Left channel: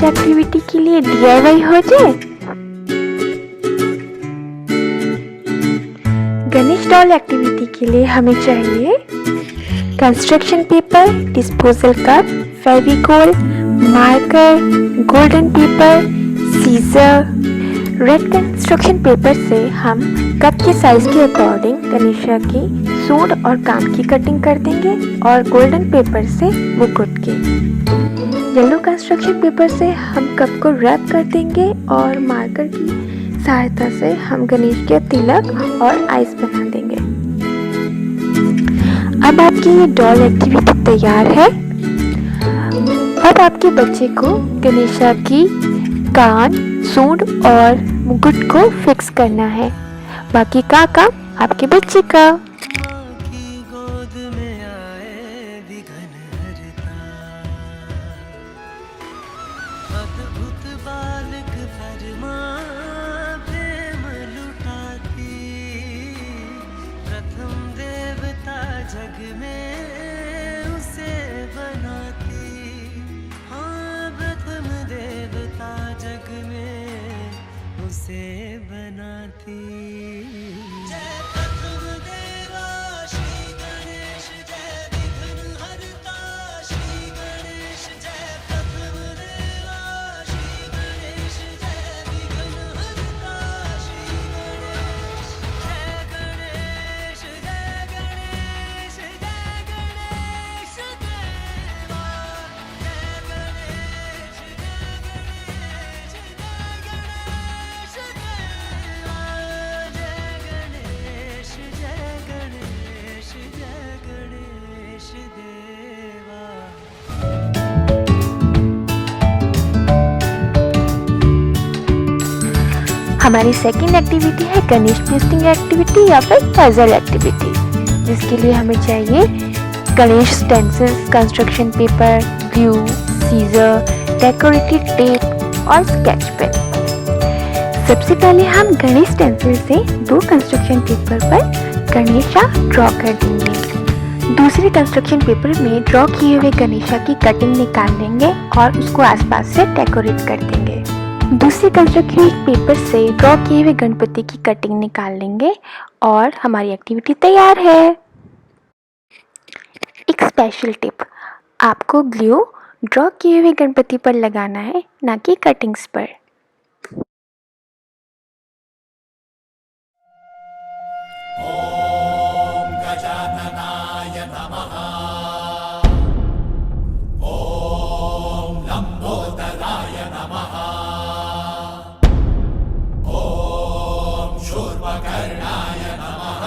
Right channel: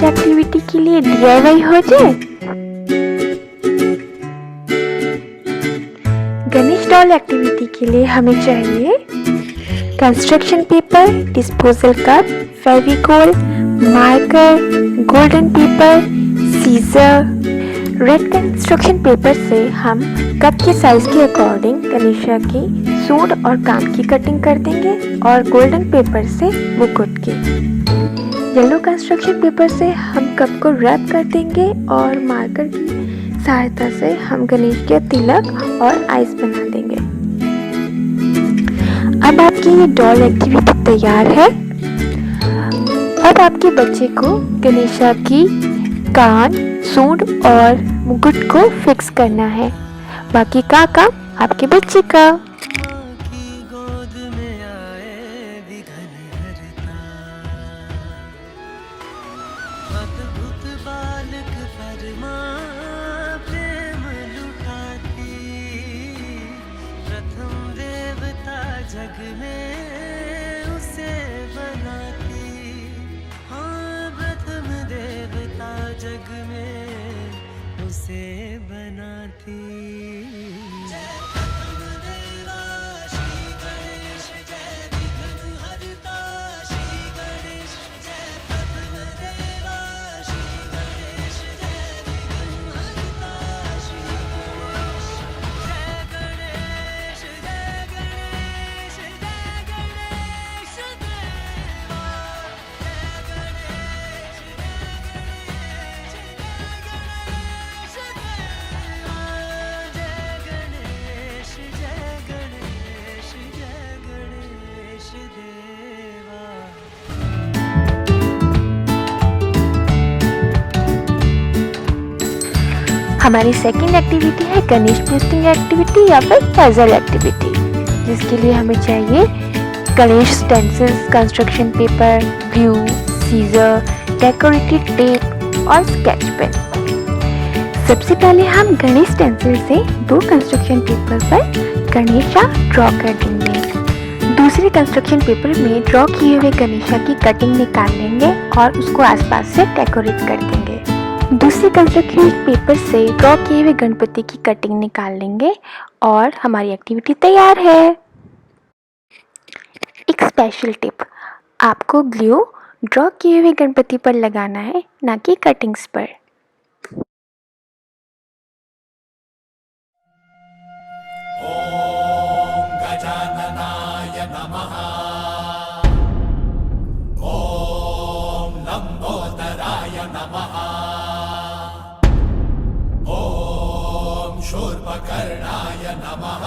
Ganesh activity के लिए DIY हो जाए। गणेश डॉल एक्टिविटी के लिए हमें चाहिए construction paper, disposal cup, Fevicol, marker, golden paper, scissor. Red construction paper से हम कप के साइज के अकॉर्डिंग गणेशा की सूंड और कान की कटिंग कर देंगे और गोल्डन पेपर से मुकुट की। येलो कंस्ट्रक्शन पेपर से हम कप को रैप कर देंगे और मार्कर की सहायता से हम गणेश के तिलक और आइस बना देंगे। अब आपकी ये डॉल एक्टिविटी तैयार है। अब आपके बच्चे को गणेशा की कान, सूंड और मुकुट को फिक्स करना है। बाकी का काम आपके बच्चे का। अद्भुत बालक परमा प्रेम लुटाती, प्रथम देवता जग में उसे बनाती। हाँ, प्रथम देवता जग में उसे बनाती। हमारी सेकंड एक्टिविटी है गणेश ट्विस्टिंग एक्टिविटी या फिर पजल एक्टिविटी, जिसके लिए हमें चाहिए Ganesh stencils, construction paper, glue, scissor, decorative tape और स्केच पेन। सबसे पहले हम गणेश स्टेंसिल से 2 कंस्ट्रक्शन पेपर पर गणेशा ड्रॉ कर देंगे। दूसरे कंस्ट्रक्शन पेपर में ड्रॉ किए हुए गणेशा की कटिंग निकाल लेंगे और उसको आसपास से डेकोरेट कर देंगे। दूसरे कंस्ट्रक्शन पेपर से ड्रॉ किए हुए गणपति की कटिंग निकाल लेंगे और हमारी एक्टिविटी तैयार है। एक स्पेशल टिप, आपको ग्लू ड्रॉ किए हुए गणपति पर लगाना है, ना कि कटिंग्स पर। ओम गजाननाय नमः। ओम लंबोदराय नमः। ओम शूर्पकर्णाय नमः।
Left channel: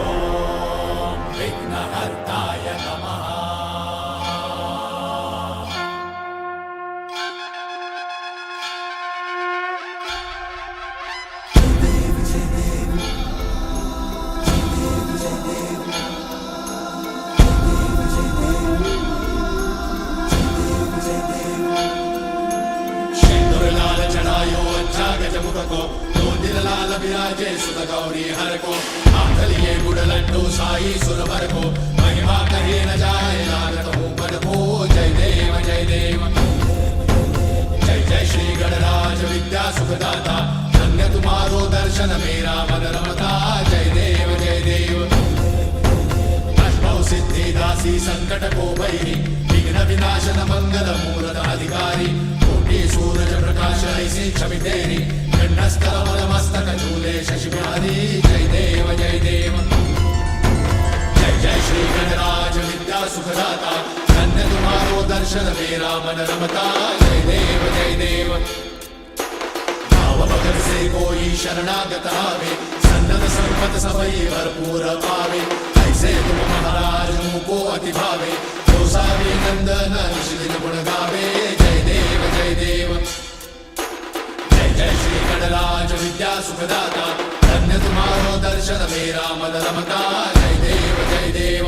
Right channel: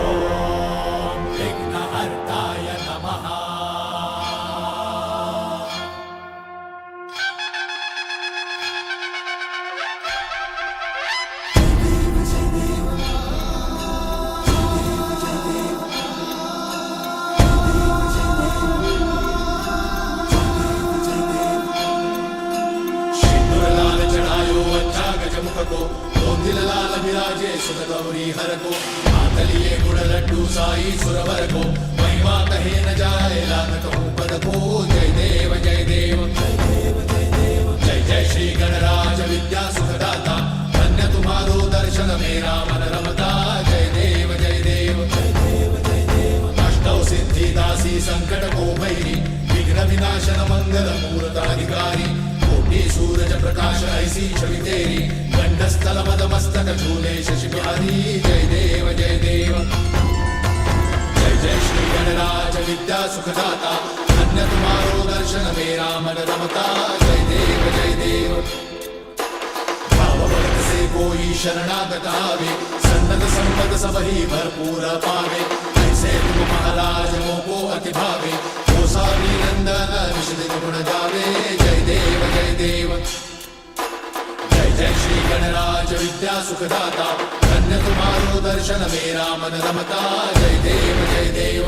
ओम विघ्नहर्ताय नमः। गौरी हर को आंतलिए गुड़ लड्डू साई सुरवर को महिमा कहीं न जाए लागत हो पद को। जय देव जय देव जय जय श्री गणराज विद्या सुखदाता, धन्य तुम्हारो दर्शन मेरा मन रमता। जय देव जय देव अष्टौ सिद्धि दासी संकट को भैरी, विघ्न विनाशन मंगल मूर्त अधिकारी। कोटि सूरज प्रकाश ऐसी छवि तेरी, कंठस्थल मद मस्तक झूले शशि बिहारी। जय देव जय देव जय जय श्री गणराज विद्या सुखदाता, धन्य तुम्हारो दर्शन मेरा मन रमता। जय देव जय देव भाव भगत से कोई शरणागत आवे, सन्नत संपद सबही भरपूर पावे। ऐसे तुम महाराज मोको अति भावे, जो सारी नंदन निश दिन गुण गावे। जय देव जय देव जय जय श्री गणराज विद्या सुखदाता, धन्य तुम्हारो दर्शन मेरा मन रमता। जय देव जय देव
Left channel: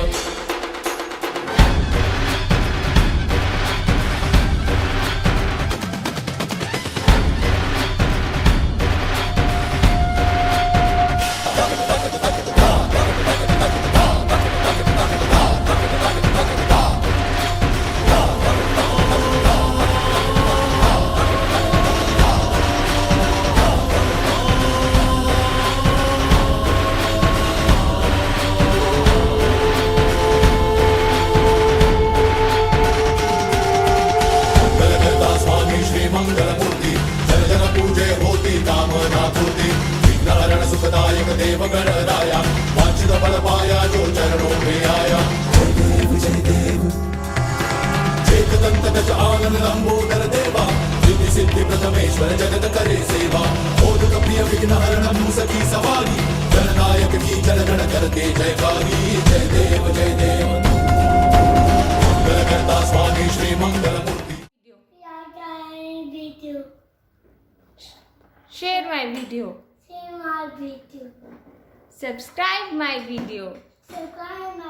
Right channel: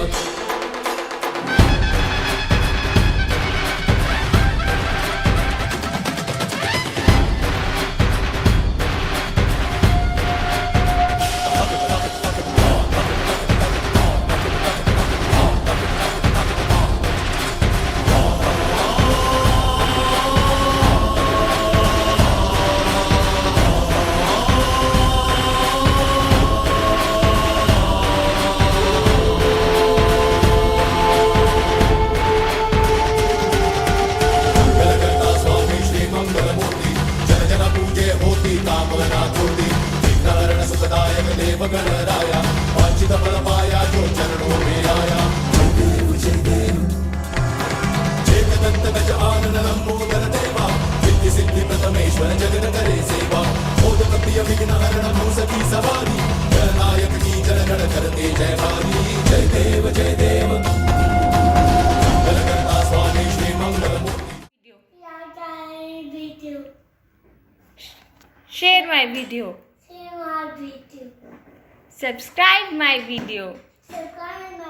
share my video, share my video, subscribe my video. subscribe my